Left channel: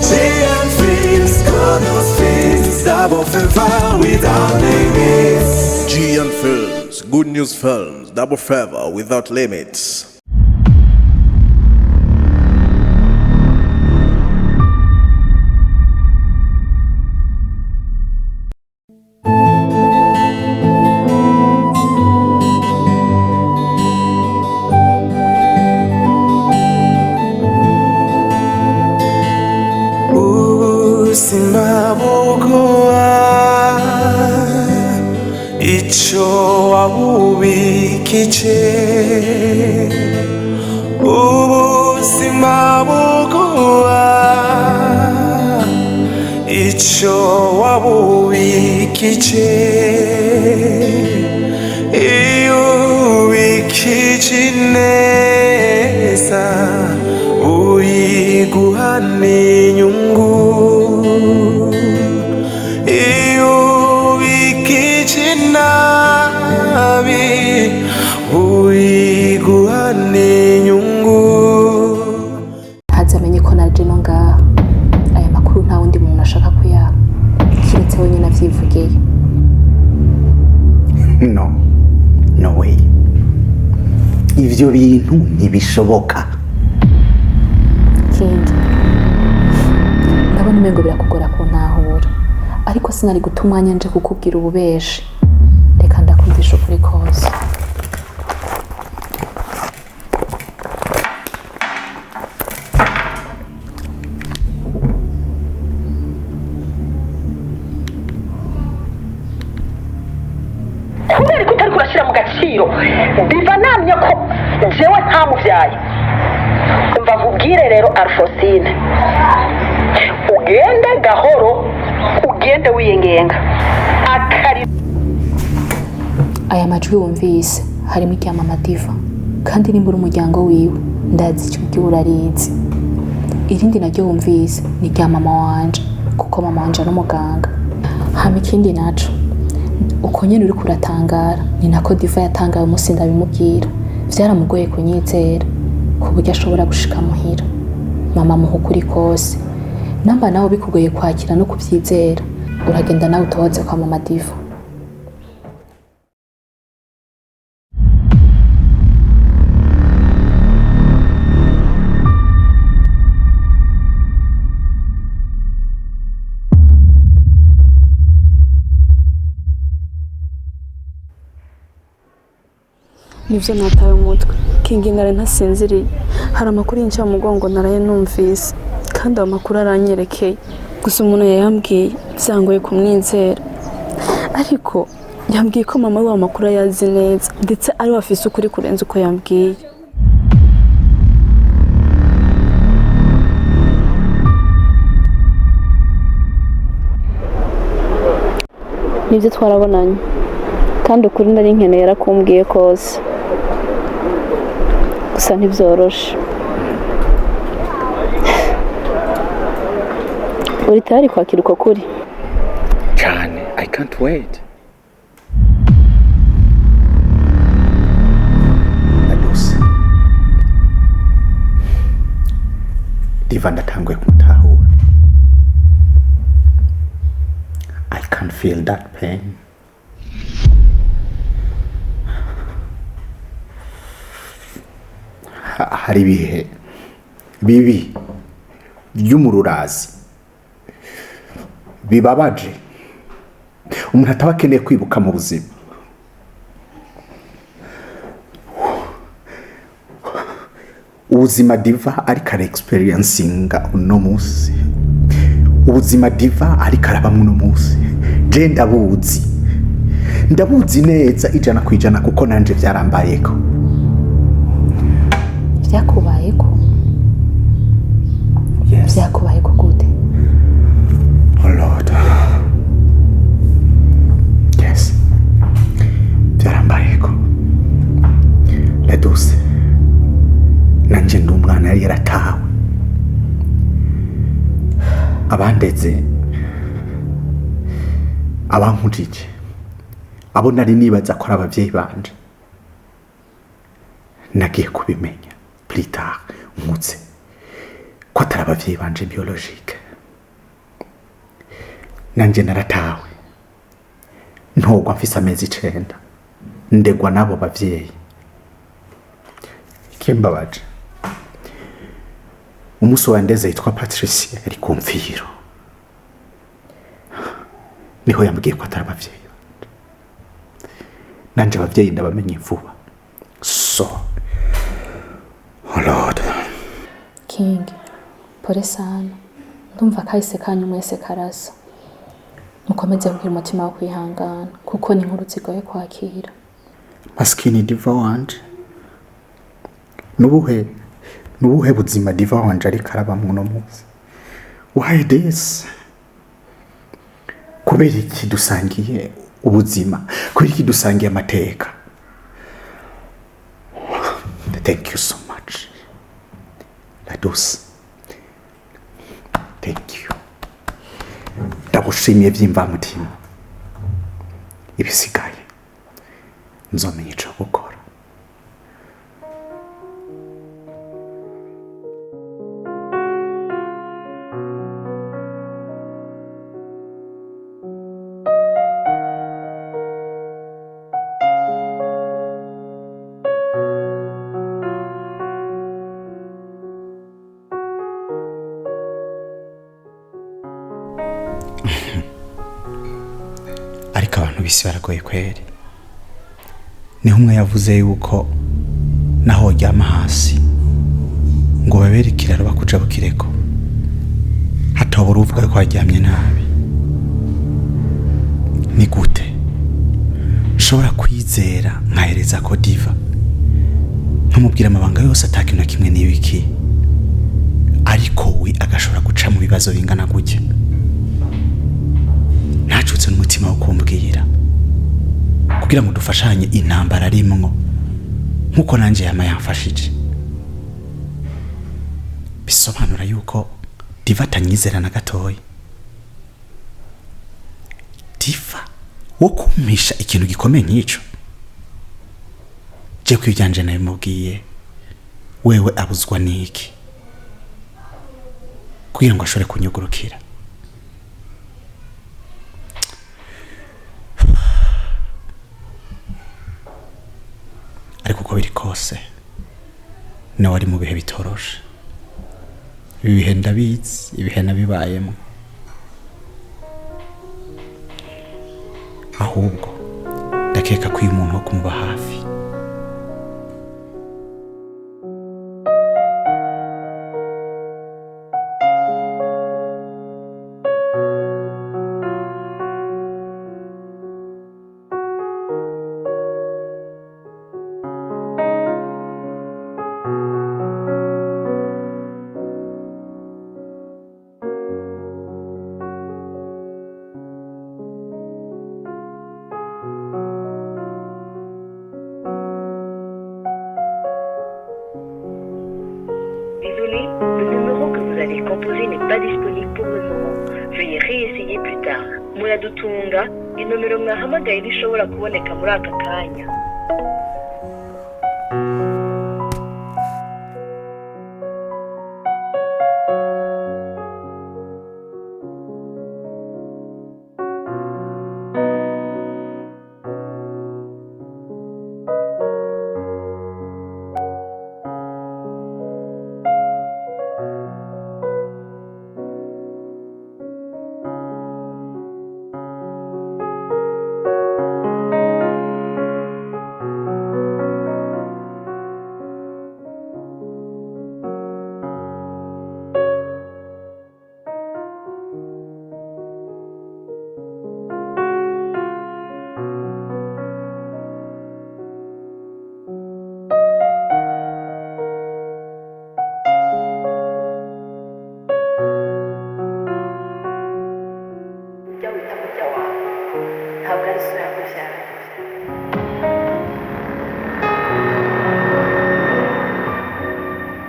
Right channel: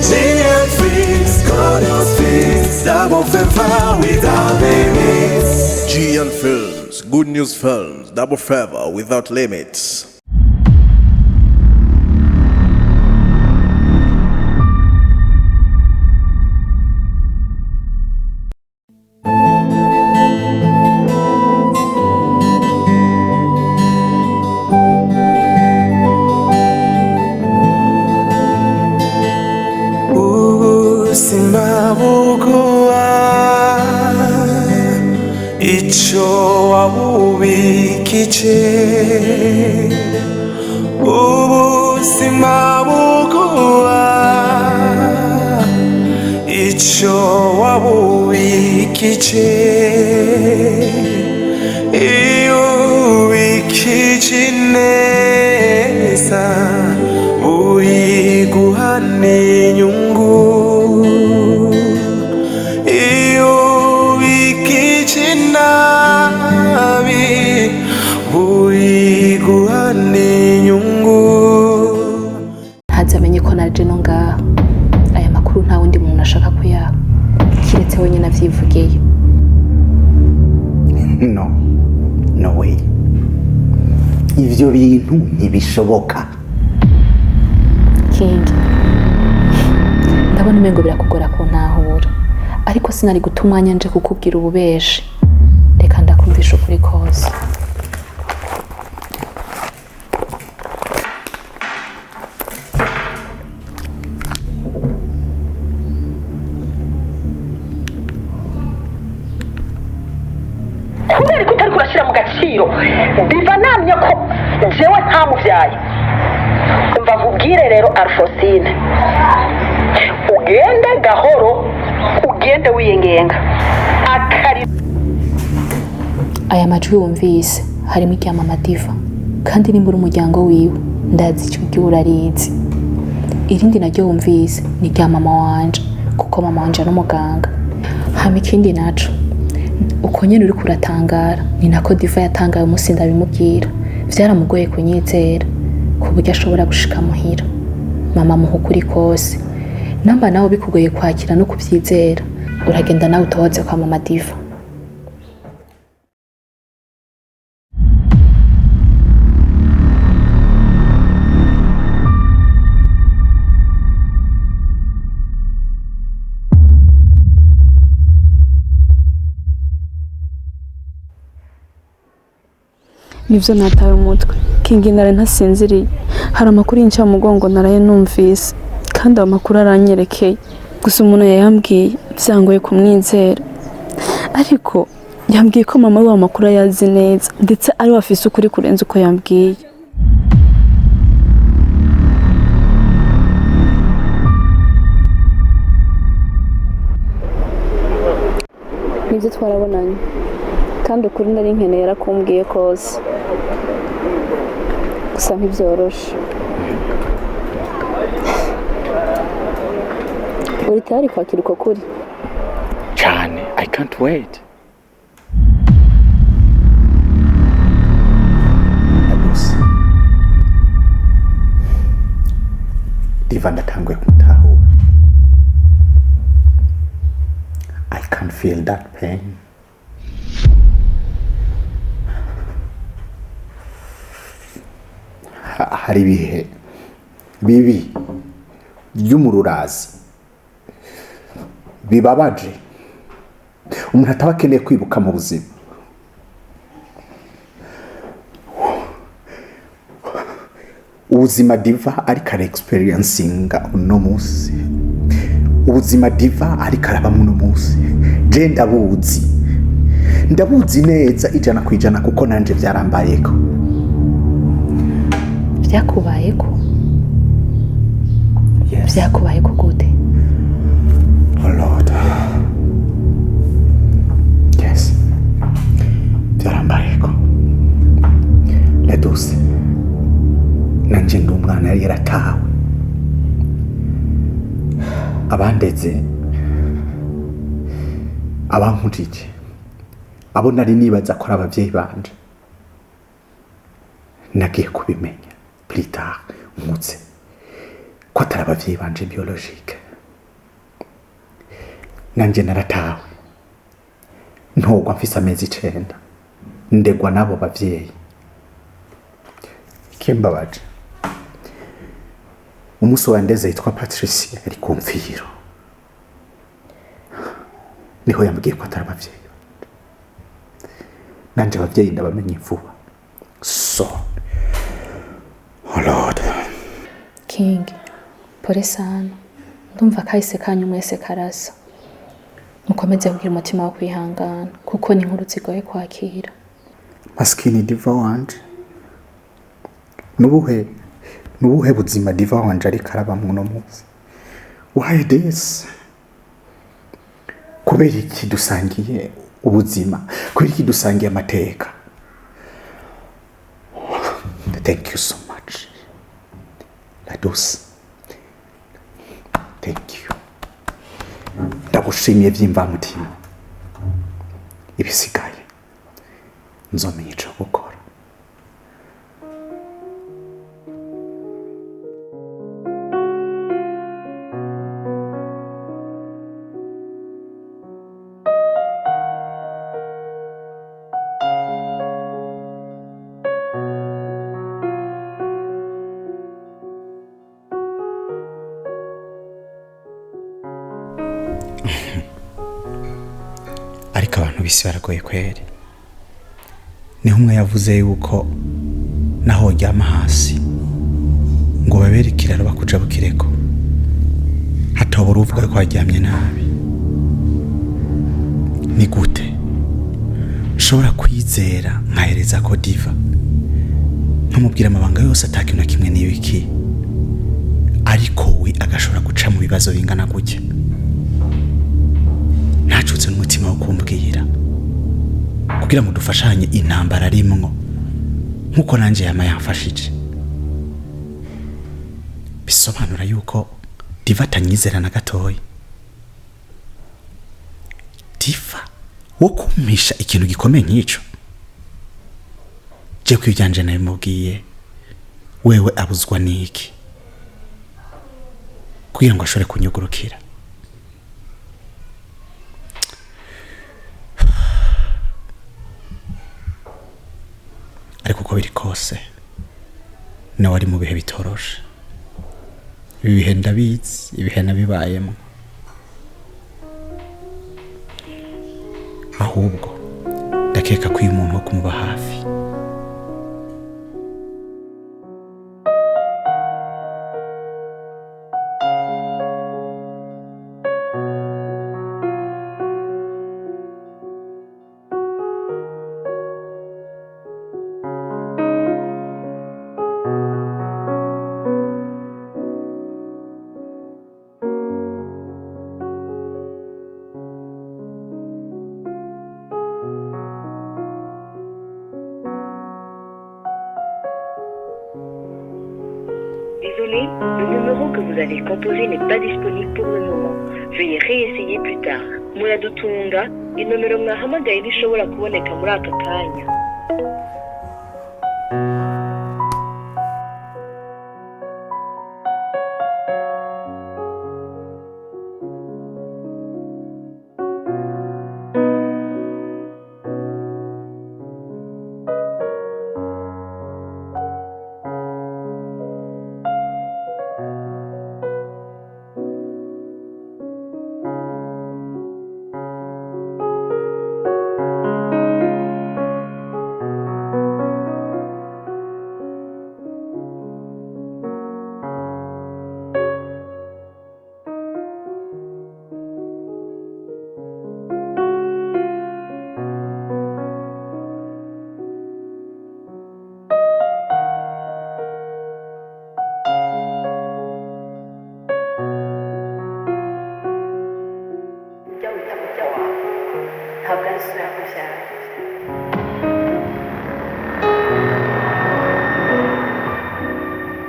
GM Films, God's Films, double favor without limits. GM Films, good news films, double favor without limits. Simabuguwa icho wabubikije simabuguwa icho wabubikije ubikije neza uyiguhane inyungu hazamenye ko naje no ngaha aya makuru nta wundi muntu ashaka kuyaha kiretse wenyine avyivugiye. No way, ivyo bintu ntibishoboka. King, ndabona umengo birakugora kuntahura, ariko sinari guta umwanya nje kukubwira ububeshi. Reka ndakumvisha ukuri kose. kubera ko utari kurashyira mu gaciro biva namye ko jewe ntamuvyaye. Umva nkubwire rero Alphonsine, ugende gahoro, ugende wiyengenga akari. Aya majwi wumvise harimo iryama Diva, kandi nimbura umuryango wiwe ndazi icyo gihe urarizi. Irindi naryo wumvise ni rya mama wanje, kuko mama wanje ari umuganga. Hama ikindi naco uko nyene uri kuratangara ni nako Diva yatangaye umunsi ndabimubwira. Vyaramugoye kunyizera ku buryo ashobora gushika muhira. Mama muha ukuri kose, namba nawe bikugoye kwakira no kuvyizera, uragenda nawe utohoze kwa mama Diva. Nivyo nataye umutwe Kingi, nare ntasinziriye. Hari amakuru y'inca mu mugongo naraye numvise, kandi ayo makuru aranyerekeye. Gusa umuntu yayambwiye byangoye kumwizera, ariko yambwiye ko mama we amakuru ayazi neza, ndetse ari wafise ukuri kurenza uko yambwiye. Nivyo twarabonanye, kandi ukuri nari nkeneye yarakumbwiye kose. Gusa ntibyoroshe. Uri tayari kwakira uko kuri? Cyane, I can't wait. Adus, Diva ndatanguye kumutahura. I can feel that pain. Hari ibihe bibi by'umururazi bibabaje umuntu ataba akeneye kwibuka mu buzima. Ubuzima Diva ariko ara experiencinga uno munsi, ubuzima Diva ariko arabamwe uno munsi, je ndabuzi neza ijana kwijana, kuko nanje byarambayeko. Vyakubayeko? Yes. Vyakubayeko gute? Oh Lord. Yes. Byarambayeko. Leduse. Nanje ndi umwana yari yaratawe. Abandeze, abankujije, abo nari nibaza ko ari abavyeyi banje, nagiye kubimenya plus tard nkutse ko atari abavyeyi banje biologique. nanje naratawe ntogwa mfise amezi 9 ndegwa nabo bavyeyi kimbabaje umuso wandeze yitwa Patricia ari kumviro niho yambwiye ko atari abavyeyi nanje abavyeyi ndabamenye vuba so oh Lord King pore sana ndumva kahise kanyu mwese karasa mukomeze kugira umutima wo kwihangana kuko ni inkuru zigoye kwakira maskini diva wanje nubuhe buzima diva wanje ari karabamwe no munsi why this kubera iki dusangiye ubuzima kubera iki dusangiye amateka thank you so much Ladus thank you ndagushimiye by'imvamutima ibisigaye nzomenya ico gukora ariko abantu bisi baragoye kweri niho umwe yavuze yuko naho ryama hasi ngo babere ikiraro bakuja bukireko hatobora uvuga ko aryamye nabi ni gute nshobora kwizera nkahereza ko diva nkamubwira amabanga yose atakintu na kimwe n'ibiki ariko we agashobora guca mu bibazo bingana gutya ntacutse n'umutima wo kumbwira kugira ngo dufashanye intambara arimwo nkuko nanje yama yamfashije bisobanura yuko diva atanyizera na gatoya diva wo kumisha ikintu gikomeye nk'ico je kwibyanje nabimubwiye wewe abuzwa niki kugira ngo ashobore kunyugurukira ariko uko biri kose nawe ari mu bihe bitoroshe ibihe ndabizi ibihe nabibayemo ahubwo ndakeka ko uyu muntu wo kumuba hafi Désolé, le numéro que vous avez composé n'est pas disponible pour le moment. Veuillez réessayer plus tard. Muradutunga, inomero mwahamagaye rishobora kuboneka muri aka kanya. ntabwo ari so yakubyaye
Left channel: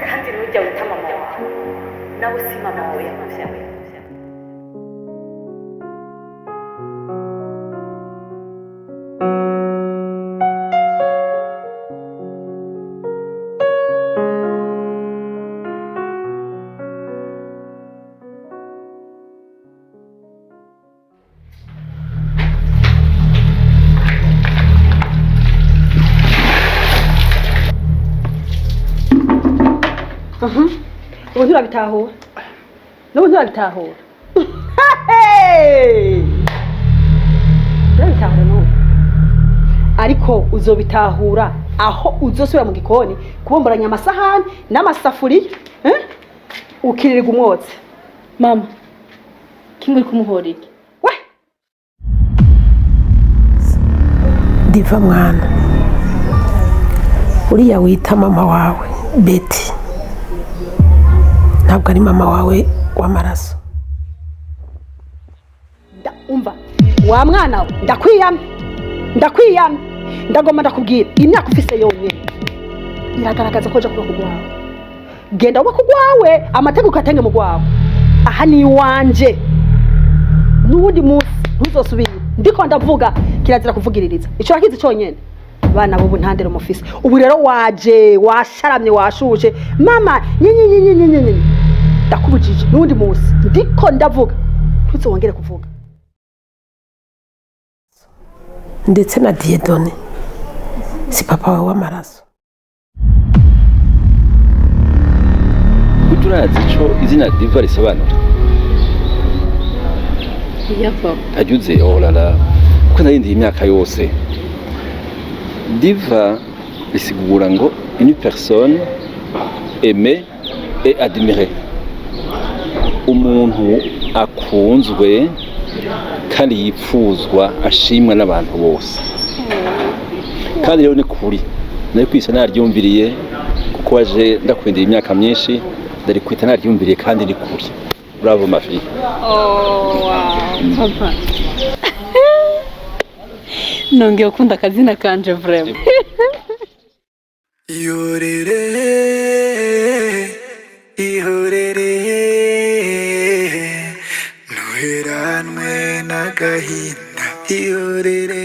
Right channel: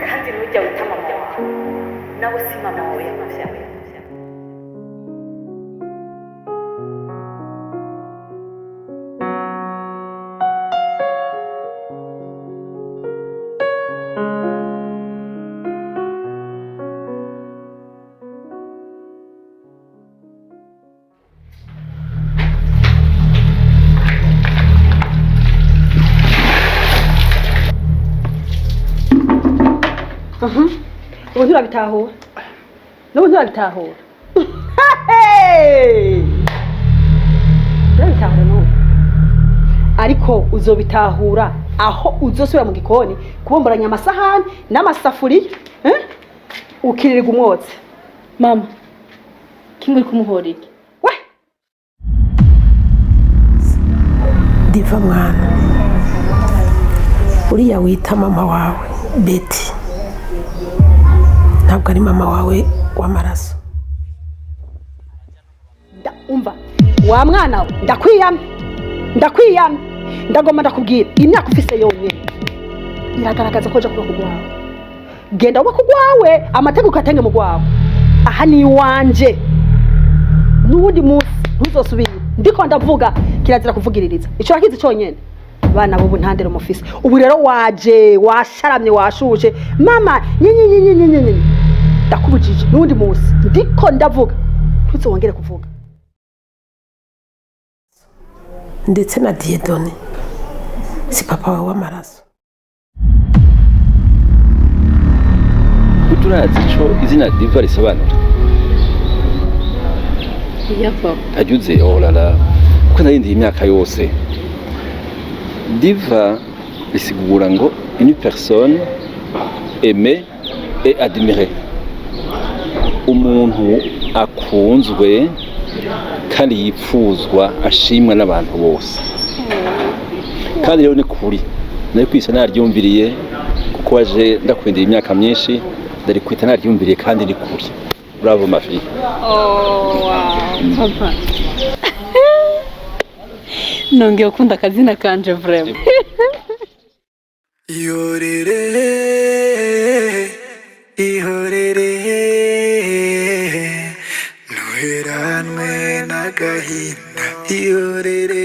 kandi ntujya wita mama wawe nawe si mama wawe yakubyaye. ubu nturabitahura n'ubu nturabitahura nturabitahura n'ubu ariko uzobitahura aho uzosubira mu gikoni kubomboranya amasahani n'amasafuriya ukirirwa umwotsi. Mama, kimwe kumuhorera. We Diva mwana, uriya wita mama wawe Betty ntabwo ari mama wawe w'amaraso. Umva wa mwana we, ndakwiyamye ndagomba ndakubwira imyaka ufise yonyine iragaragaza ko uja kuba kugwawe. Genda uba kugwawe amategeko atenge mu gwawe. Aha ni wanje n'ubundi munsi ntuzosubira ndiko ndavuga kirazira kuvugiririza ico rakizi cyonyene. Bana bo ntandero mufise ubu rero waje washaramye washuje mama nyenyenyenyenyenyenye ndakubujije n'undi munsi ndiko ndavuga ntuzongere kuvuga. Ndetse na Diedone si papa wawe w'amaraso. Uturazi ico izina Diva risobanura? Ya papa. Ajuze olala kuko narindi imyaka yose. Diva risigura ngo une personne aimée et admirée. Umuntu akunzwe kandi yipfuzwa ashimwa n'abantu bose. Kandi rero ni kuri nari kwisa naryumviriye kuko waje ndakwindira imyaka myinshi ndari kwita naryumviriye kandi ni kuri. Bravo ma fille. Oh wow papa. Nongeye ukunda akazina kanje vraiment. Yorere ihorere nuheranwe n'agahinda. Ihorere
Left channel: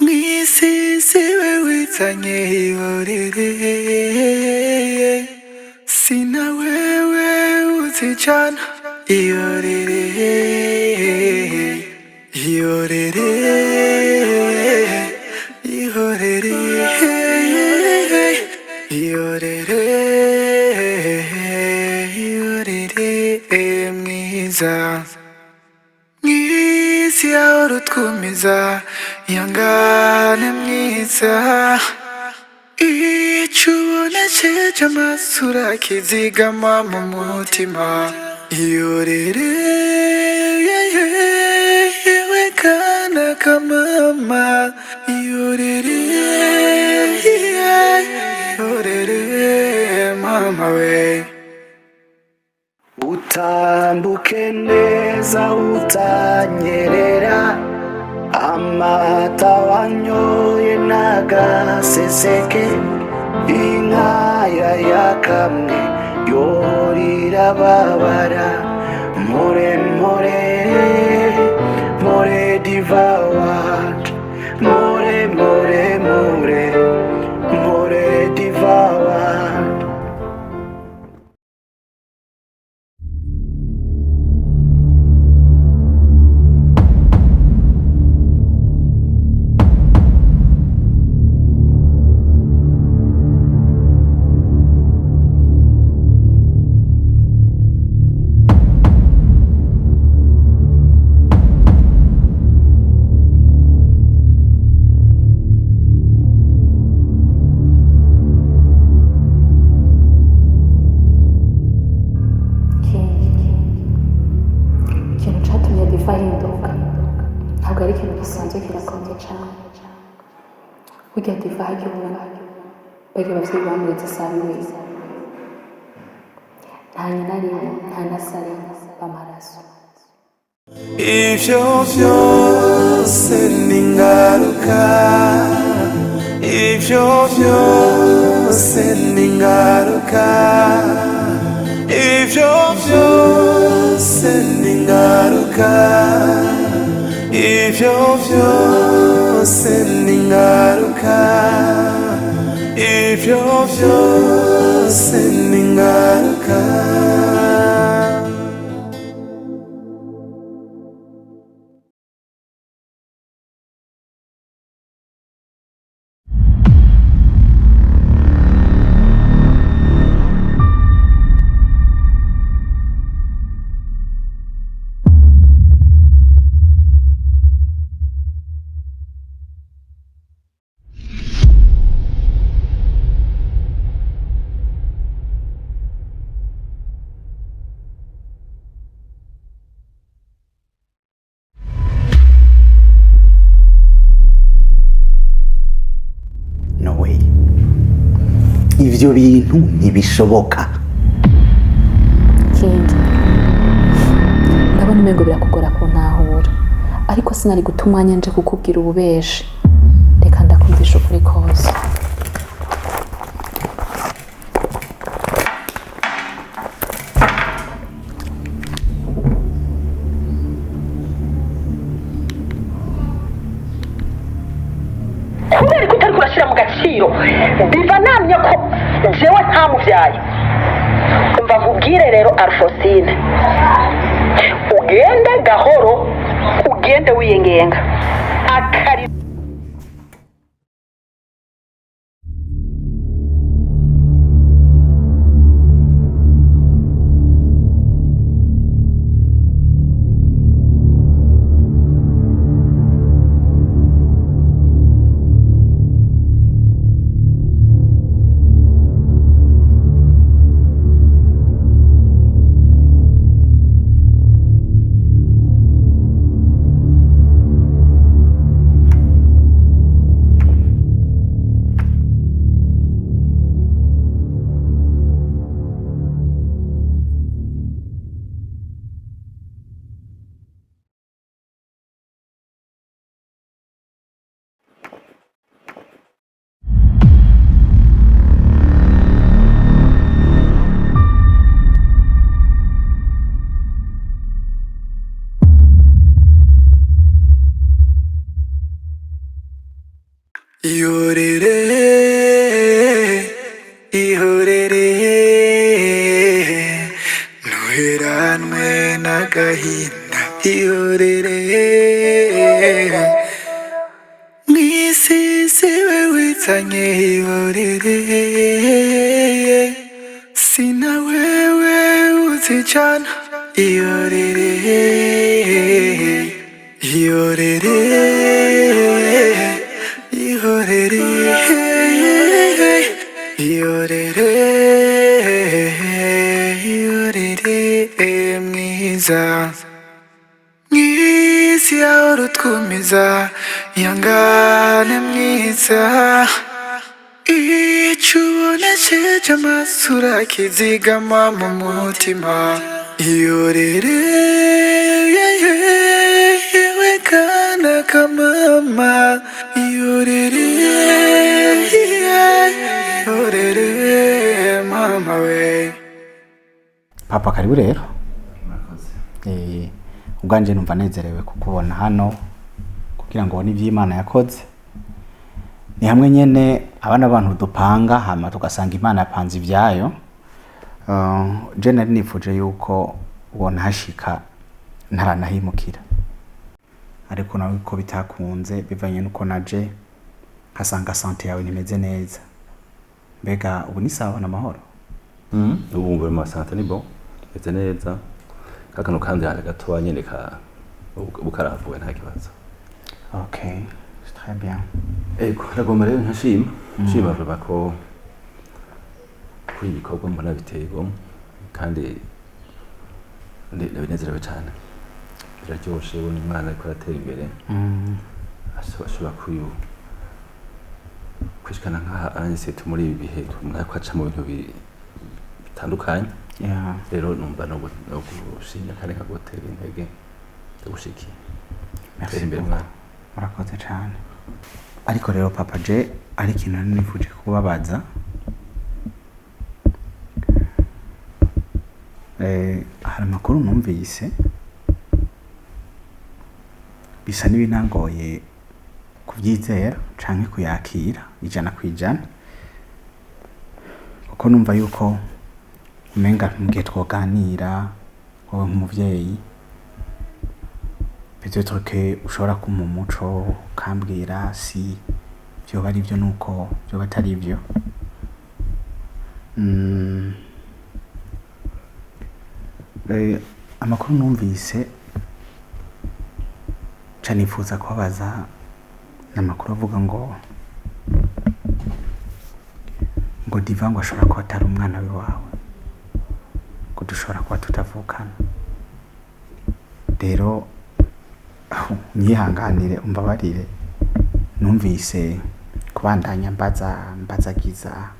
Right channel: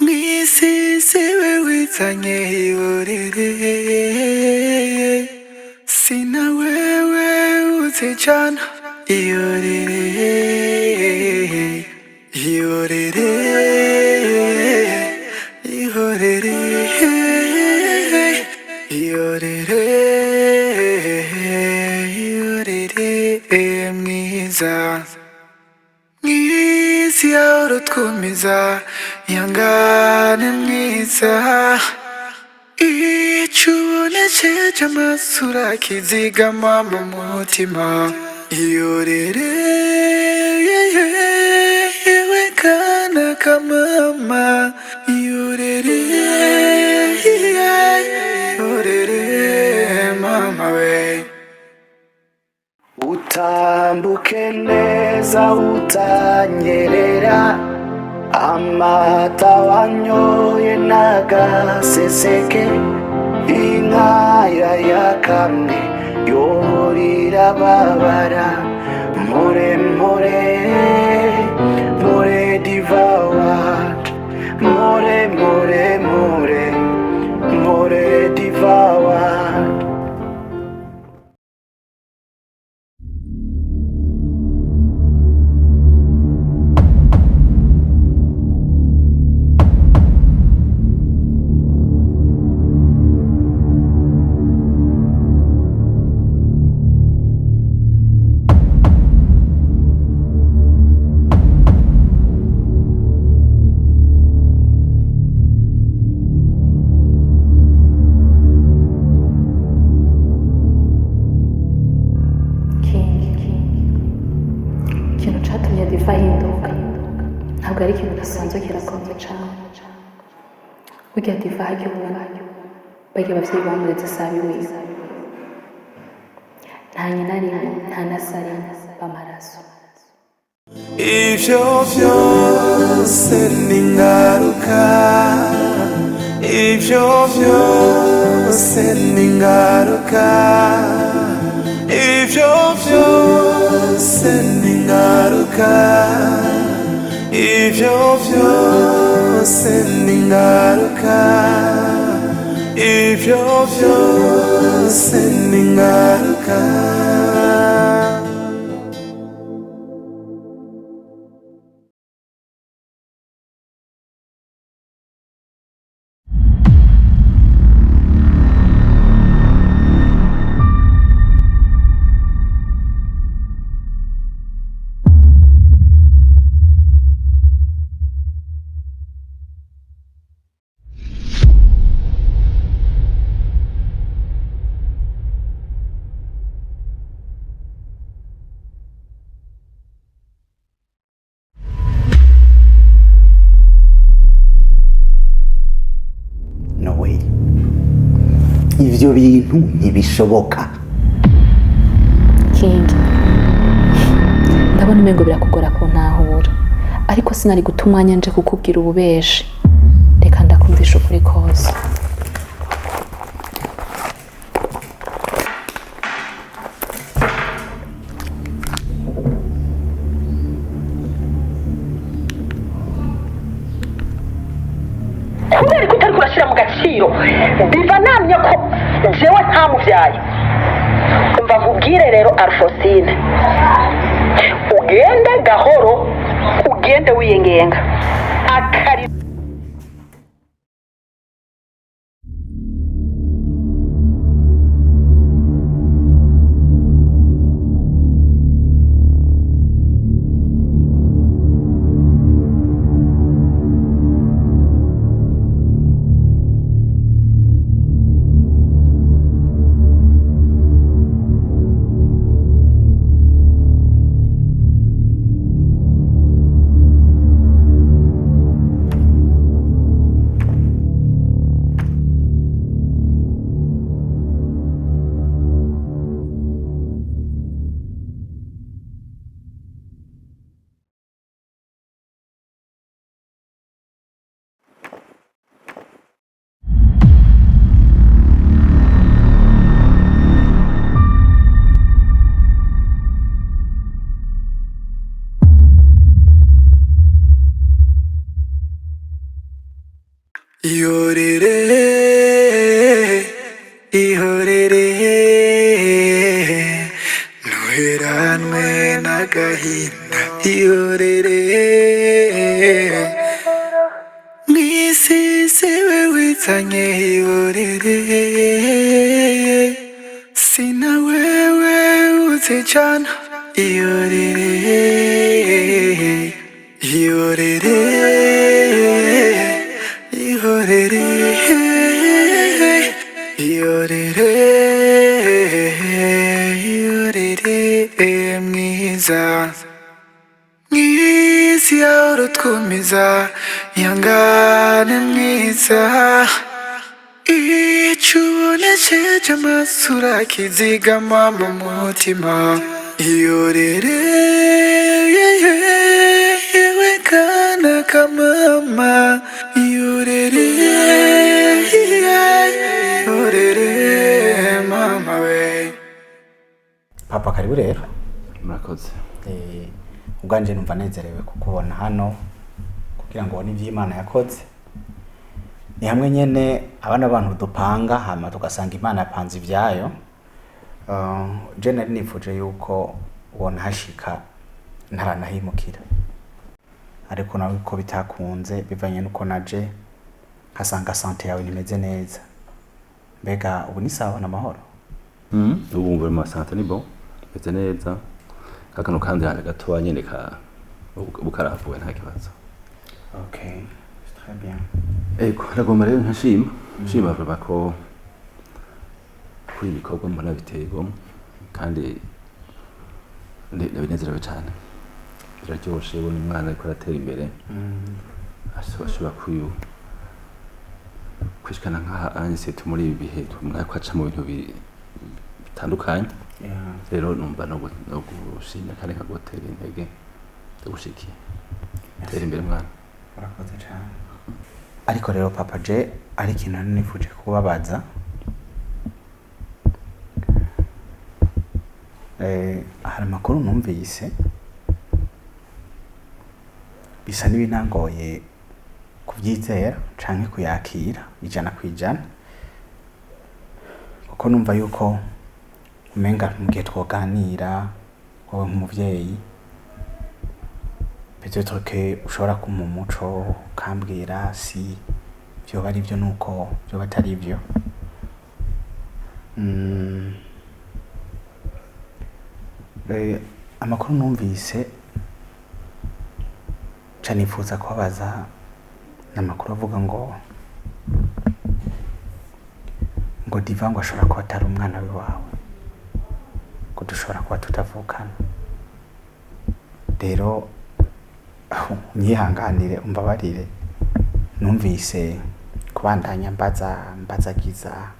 mwisi siwe wizanye. Ihorere sina wewe uzijana. Ihorere ihorere ihorere ihorere ihorere mwiza mwisi yahora utwumiza ihangane mwiza icyo ubonekeje amasura kizigama mu mutima. Ihorere yewe kana kamama. Ihorere ihorere mama we. Utambuke neza utanyerera amata wanyoye nagaseseke. Inkaya yakamwe yorira babara. More more more Diva wacu. More more more more Diva wacu. ikintu cyatumye Diva ahinduka ntabwo ari ikintu gisanzwe kirakomeye cyane. Burya Diva hajya ubona bajya ababyeyi bamuretse sabiwe nta nyina rimwe nta na sare b'amaraso. Ivyo vyose ni ingaruka. Ivyo vyose ni ingaruka. Ivyo vyose ni ingaruka. Ivyo vyose ni ingaruka. Ivyo vyose ni ingaruka. ivyo bintu ntibishoboka. King, ndabona umengo birakugora kuntahura, ariko sinari guta umwanya nje kukubwira ububeshi. Reka ndakumvisha ukuri kose. kubera ko utari kurashyira mu gaciro biva namye ko jewe ntamuvyaye. Umva nkubwire rero Alphonsine, ugende gahoro, ugende wiyengenga akari ihorere ihorere ntuheranwe n'agahinda ihorere mw'isi siwe wizanye ihorere sina wewe uzijana ihorere ihorere ihorere ihorere ihorere mwiza mwisi yawe urutwumiza ihangane mwiza icyo ubonesheje amaso urakizigama mu mutima ihorere yewe kana kamama ihorere ihorere mama we. Papa karibu rero. Murakoze. Ubwanje numva nezerewe kukubona hano kugira ngo ubone ivy'Imana yakoze. Ni hamwe nyene abana abantu dupanga hama tugasanga Imana yapanze ivyayo. Je nari nifuje yuko ubona hashika ntaranahimukira, ariko nawe ko bitakunze bivanye nuko naje nkasanga sante yawe nimeze neza. Mbega ubu ni sawa na mahoro? Ubu ngumva mu sante ni bon, meze neza. Kakano kandi hali gatoya nyene ka bukaravuwe nta kibazo. Okay, très bien. Ego nagomba rero nkashima vuba ko kuri ibikorwa mbona bitego kandi ndabinezerewe cyane. Biraryoshe ubona umwana ariko aratera imbere. Ashobora kwishikana nk'aha anyise muri ibi bihe mwako aca mu bintu bitandukanye. Rero numva no gushimira kandi nkagotera intege ndagushikiye. Tera imbere mwana. Murakoze cyane. Ariko rero papa je ari ikintu nifuje kubabaza. Hari amakuru numvise bisa n'ibinangoye kubyizera canke kuyakira ijana kwijana, kuko numva yuko umenga mugihe twoganira wowe nk'umuvyeyi peut-être que ushobora kumpa umuco ukambwira si vyoba ari vyo nuko vyoba atari vyo. Amakuru numvise canifuza kubabaza n'amakuru avuga ngo Diva ngo ashobora kuba atari umwana wawe, ko dushobora kuba tutavukana. Rero nyihanganire umbabarire, numvise kubandanya mbazagiza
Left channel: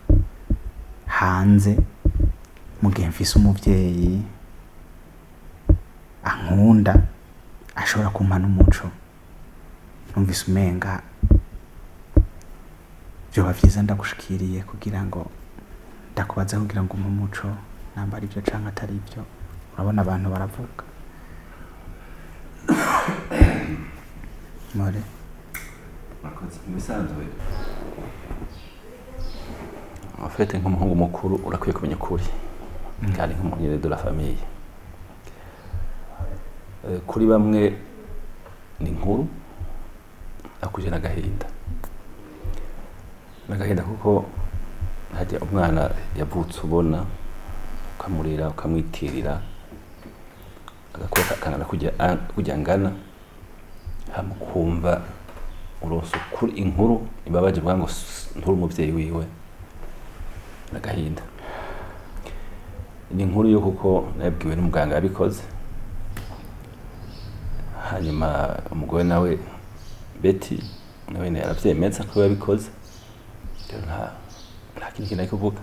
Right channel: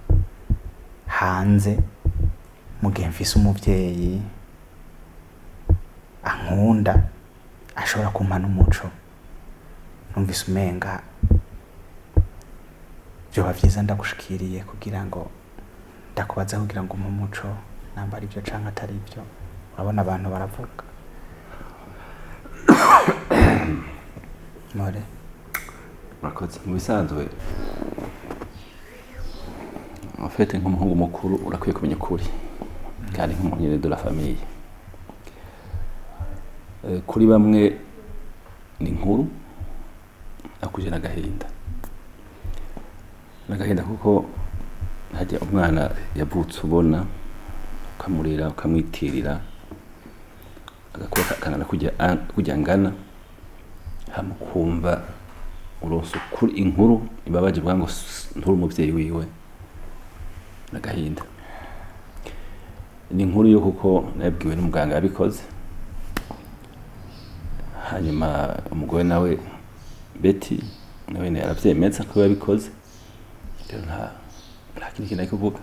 hanze mu gihe mfise umuvyeyi ankunda ashobora kumpa n'umuco numvise umenga vyoba vyiza ndagushikiriye kugira ngo ndakubaza kugira ngo umpe umuco namba ari byo canke atari byo urabona abantu baravuga more murakoze mu bisanzwe afite nk'umuhungu mukuru urakwiye kumenya ukuri kandi nk'umunyene de la famille kuri bamwe ni inkuru akuje n'agahinda kuko hajya umwana yavutse ubona ukamurera ukamwitirira agakora kangana kujya ngana hamukumva uronse kuri inkuru ibabaje bwa ngo nturi umuvyeyi wiwe n'agahinda ni inkuru yo kuko nabwiwe n'umuganga yabikoze hanyuma umugore nawe Betty nawe yaravyemeza ko yabikoze rero nta kintu kintu kuvuga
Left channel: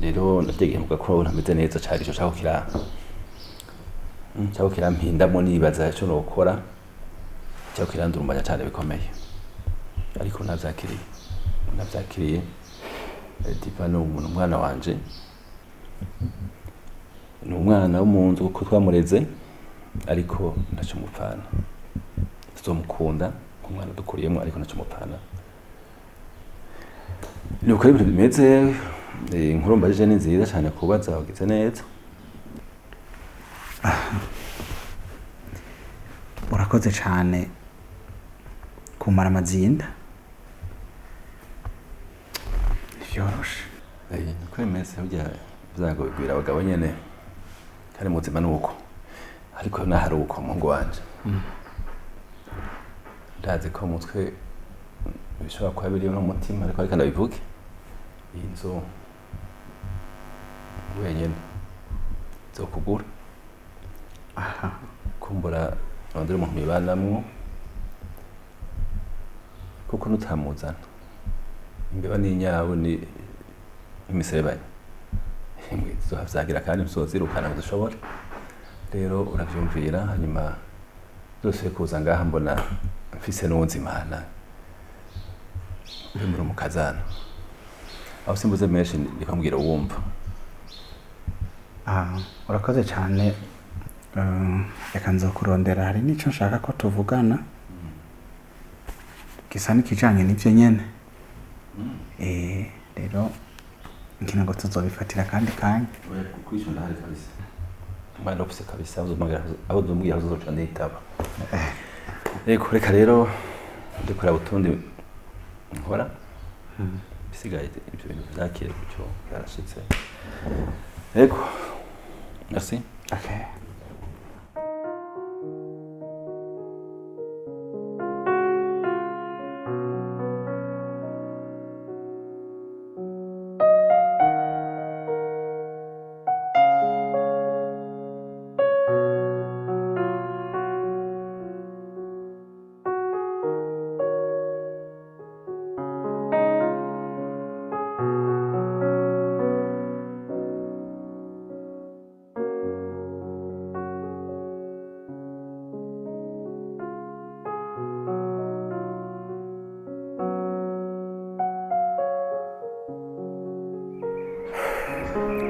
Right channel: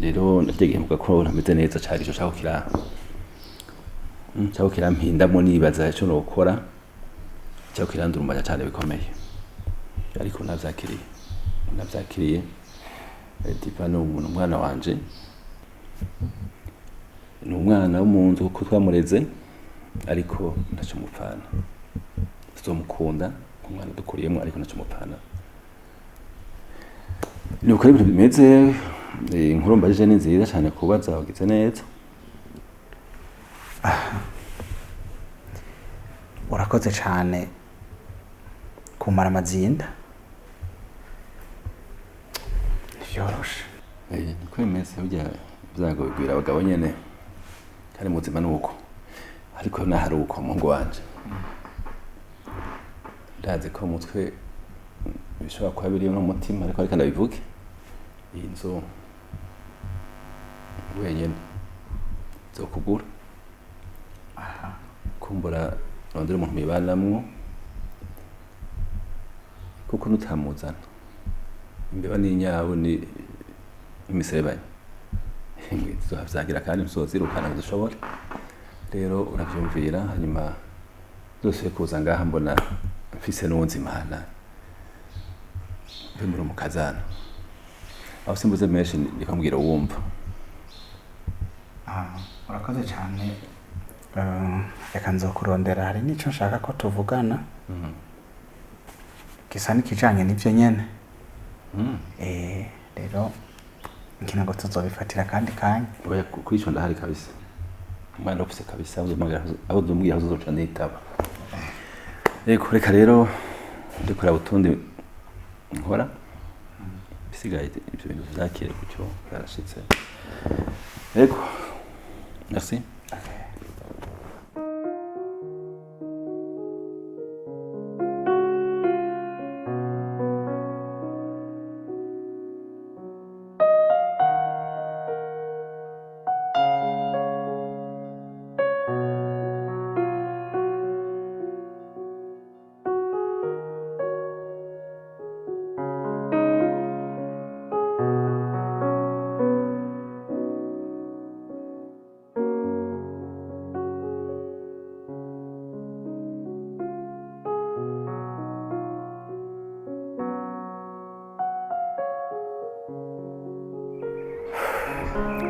rero ndategeye muga ko ntameze neza cyari cyo cyaho kirampindamo nibaza cyo nokora cyaho kirandurumanya cyane bikomeye ariko navyakiriye Divano umuntu umwana wanje ni umwana w'umuntu uko twamureze ariko ntacyo mupfana tuzomukunda umwana dukuriyemo ariko ntacyo mupfana ni uko ibintu bimeze inkuru mbajije ni nziza cyane kubaza wagize neza urakoze cyane kumara amazinda vyoroshe niko bimeze burya byago bigwira abagabo nyene kandi muzima nuko ariko nahari uko mungu wanje ndazi ko mutwe bishobora kuba biri no mutima ariko ndabivuge iyi nzu wenyene zo kugura kumbura rondera umuntu mibanamwo kuko nutamuzana imbeba n'inyabu ni imiserebanya imwe tuzohavyagira kandi ntuzozirukana dushobora rero uravyumvira hanyuma zose kuza ngaha mbona mfise n'ubuzimana bimura umukazana aho simbuze menshi ndikambwira wumva urakoze cyane reka nzokurondera hari n'ico nshaka ko tuvugana gisa n'ikijanye n'ivyo nyene rero nkina ngo tuzobifatira kandi kanya kuri ico ndahari kabisa umwana ufise kabisa aho dumbwiye aho uzoca nitaba reka rero ndikora utundi nkora bisigaye ibyo bintu byakire kucyo yarashitse yego merci okay.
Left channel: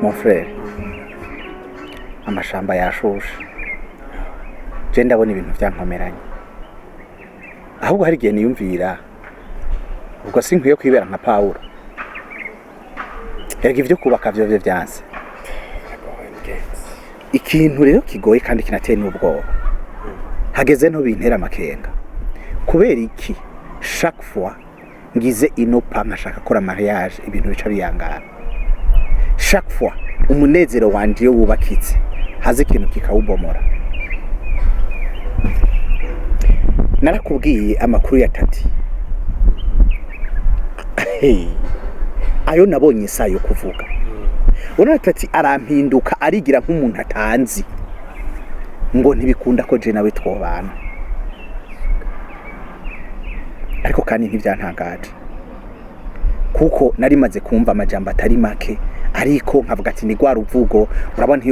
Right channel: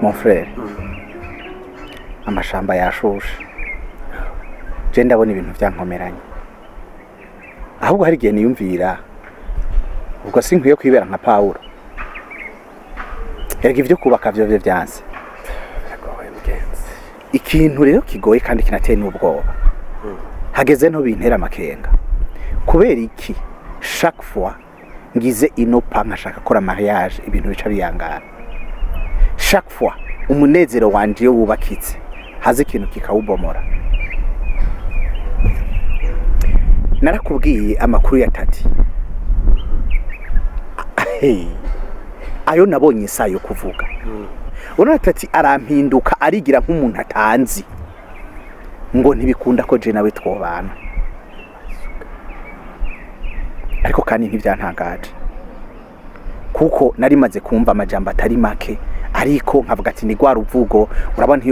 Mon frère, amashamba yashushe je ndabona ibintu byankomeranye ahubwo hari igihe niyumvira ubwo sinkwiye kwibera nka Paulo erega ivyo kubaka vyo vyanse ikintu rero kigoye kandi kinateye n'ubwoba hageze nto bintera amakenga kubera iki chaque fois ngize inopa nkashaka kora mariage ibintu bica biyangana chaque fois umunezero wanje yo wubakitse haze ikintu kikawubomora narakubwiye amakuru ya Tati ayo nabonye isayo kuvuga urana Tati arampinduka arigira nk'umuntu atanzi ngo ntibikunda ko je nawe twobana ariko kandi ntivyantangaje kuko nari maze kumva amajambo atari make ariko nkavuga ati ni gwa ruvugo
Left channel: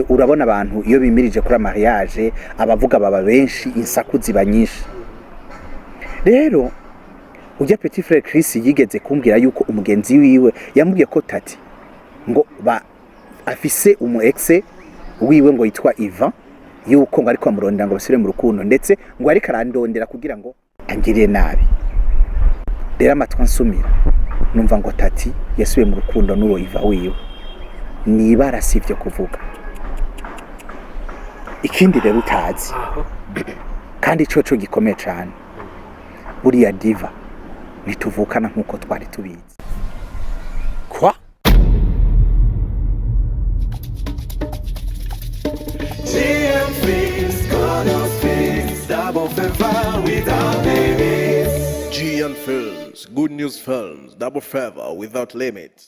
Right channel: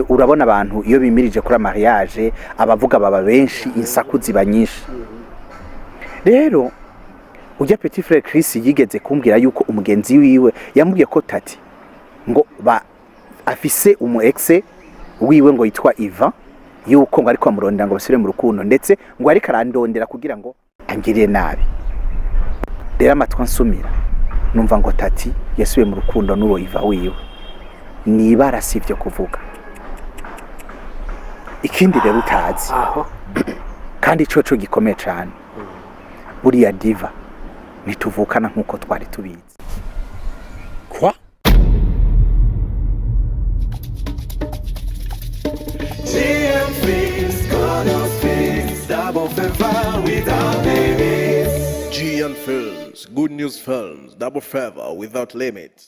urabona abantu iyo bimirije kuri mariage abavuga baba benshi insaku ziba nyinshi. Rero ujya petit frère Chris yigeze kumbwira yuko umugenzi wiwe yamubwiye ko tati ngo afise umu exe wiwe ngo yitwa Ivan yuko ngo ariko amurondera ngo basubire mu rukundo ndetse ngo ariko arandondera kugira ngo angirire nabi. Rero amatwa nsumira numva ngo tati yasubiye mu rukundo n'uwo Ivan wiwe, nibara sivyo kuvuga. Ikindi rero utazi kandi coco gikomeye cyane, buriya diva nituvukana nkuko twari tubizi. Kwa? GN Films, Good News Films, Double Favor without limits.